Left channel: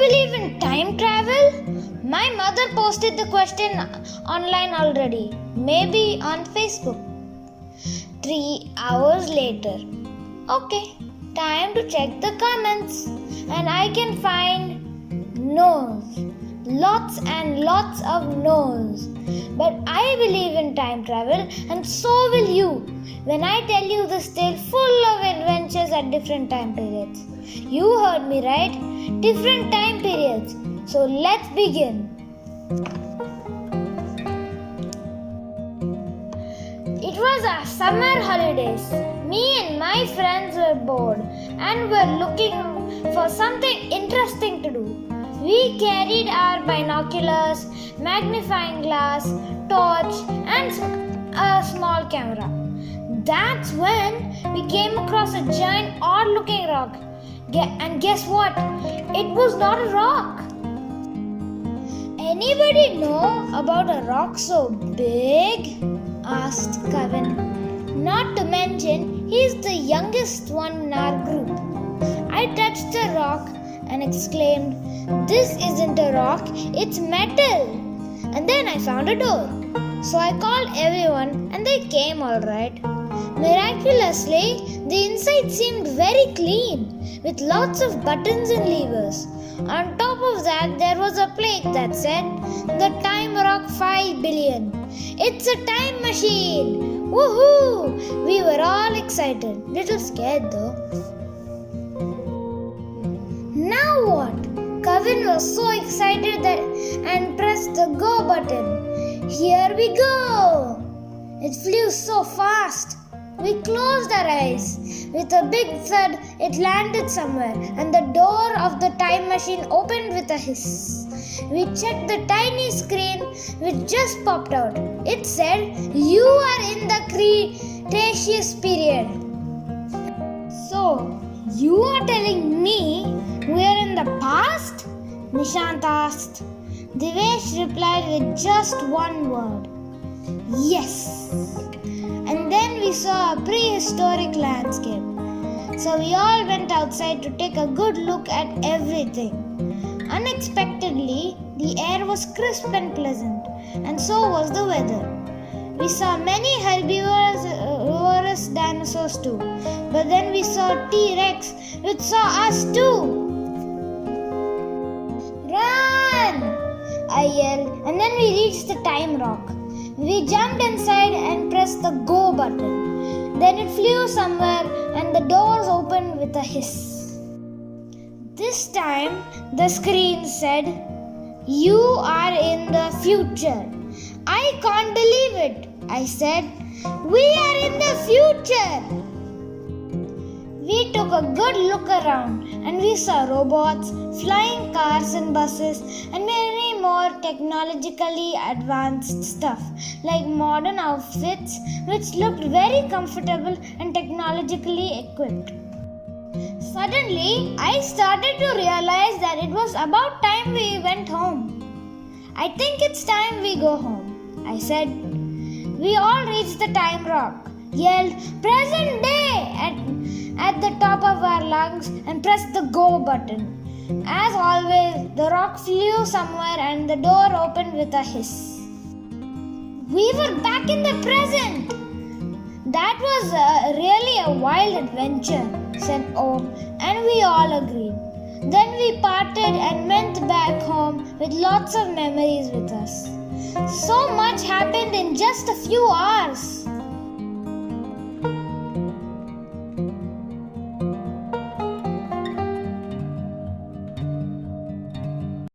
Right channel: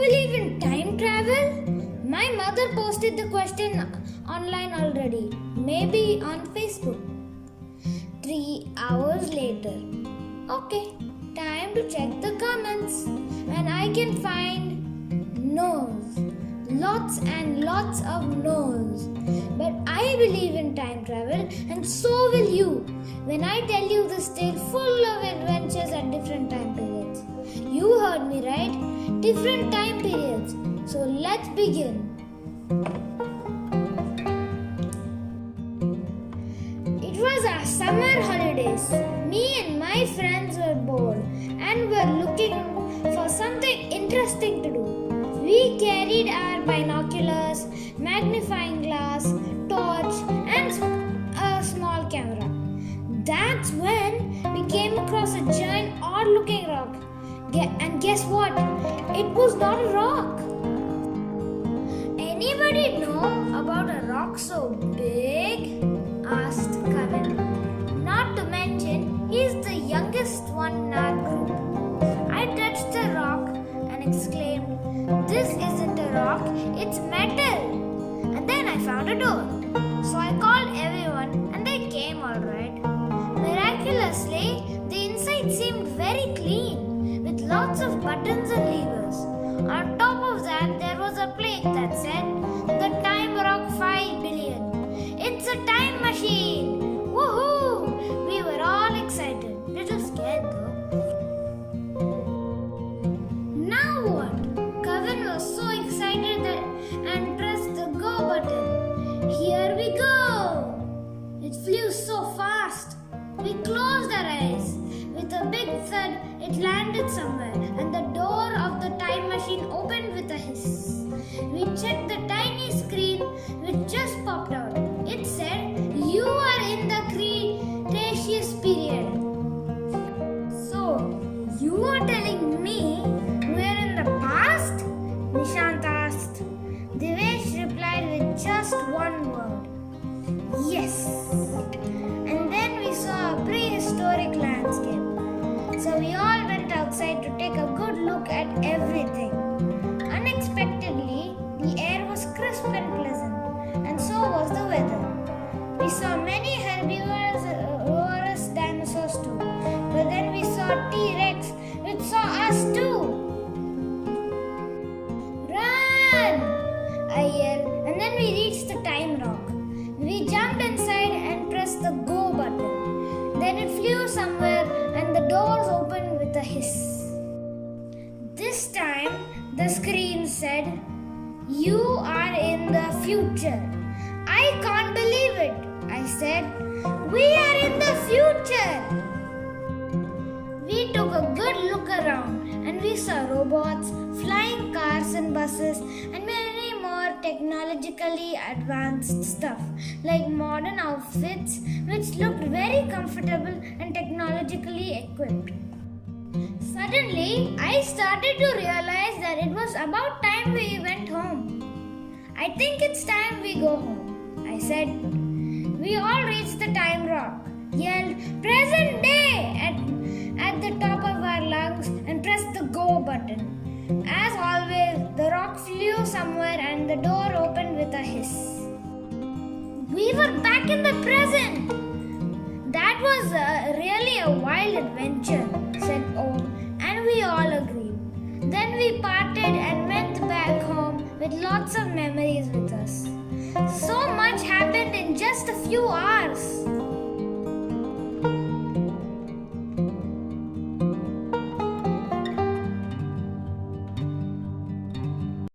believe in time travel? My mother posted the question online already, maybe on Facebook. 3 hours later. Okay, time to check the comments. And I can find no's. Lots and lots of no's. But I believe in time travel, and so will you when I tell you this tale full of adventures at different time periods. You heard me right? Different time periods. So let's begin. It was our summer holidays. Me and my friends were bored and were looking for something interesting to do. We carried our binoculars, magnifying glass, torch, and a small camera. That's when we came across a giant, odd-looking rock. And guess what? It was not a rock. Anybody know about a rock so big? Asked Kevin. Not to mention, he's the youngest one in our group. I touched the rock and exclaimed, "This isn't a rock, it's metal." And then I found a door. So I called everyone and they came all right. Miraculously, the inside seemed very clean with lots of buttons and levers. On top of that, there was a plate that said, "The Time Rock 5 billion. It's a time machine!" Woohoo! We were all excited. Little scared though. Now what? Kevin was so excited and pressed the go button. Here we go! It flew so fast. We closed our eyes. With a big thud, it landed somewhere, and the door of the time machine opened with a hiss. We checked the tiny screen which just popped out. It said, "You are in the Cretaceous period." "So, you are telling me we are in the past?" Nishant asked. Devesh replied with just one word. "Yes." And then we saw a prehistoric landscape. So we all went outside to take a good look at everything. Unexpectedly, the air was crisp and pleasant, and so was the weather. We saw many herbivorous dinosaurs too, but then we saw T-Rex, which saw us too. "Run!" I yelled, and then we reached the time rock. We jumped inside and pressed the go button. Then it flew somewhere and the doors opened with a hiss. This time the screen said, "You are in the future." "I can't believe it," I said. "We are in the future." We took a good look around and we saw robots, flying cars and buses, and many more technologically advanced stuff like modern outfits which looked very comfortable and technologically equipped. Suddenly, I started to realize that it was about time we went home. "I think it's time we go home," I said. We all reached the time rock, yelled "Present day" at the top of our lungs and pressed the go button. As always, the rock flew somewhere and the door opened with a hiss. We were back in the present. "That was really a wild adventure," said Om, and we all agreed. Then we parted and went back home with lots of memories with us. So much happened in just a few hours.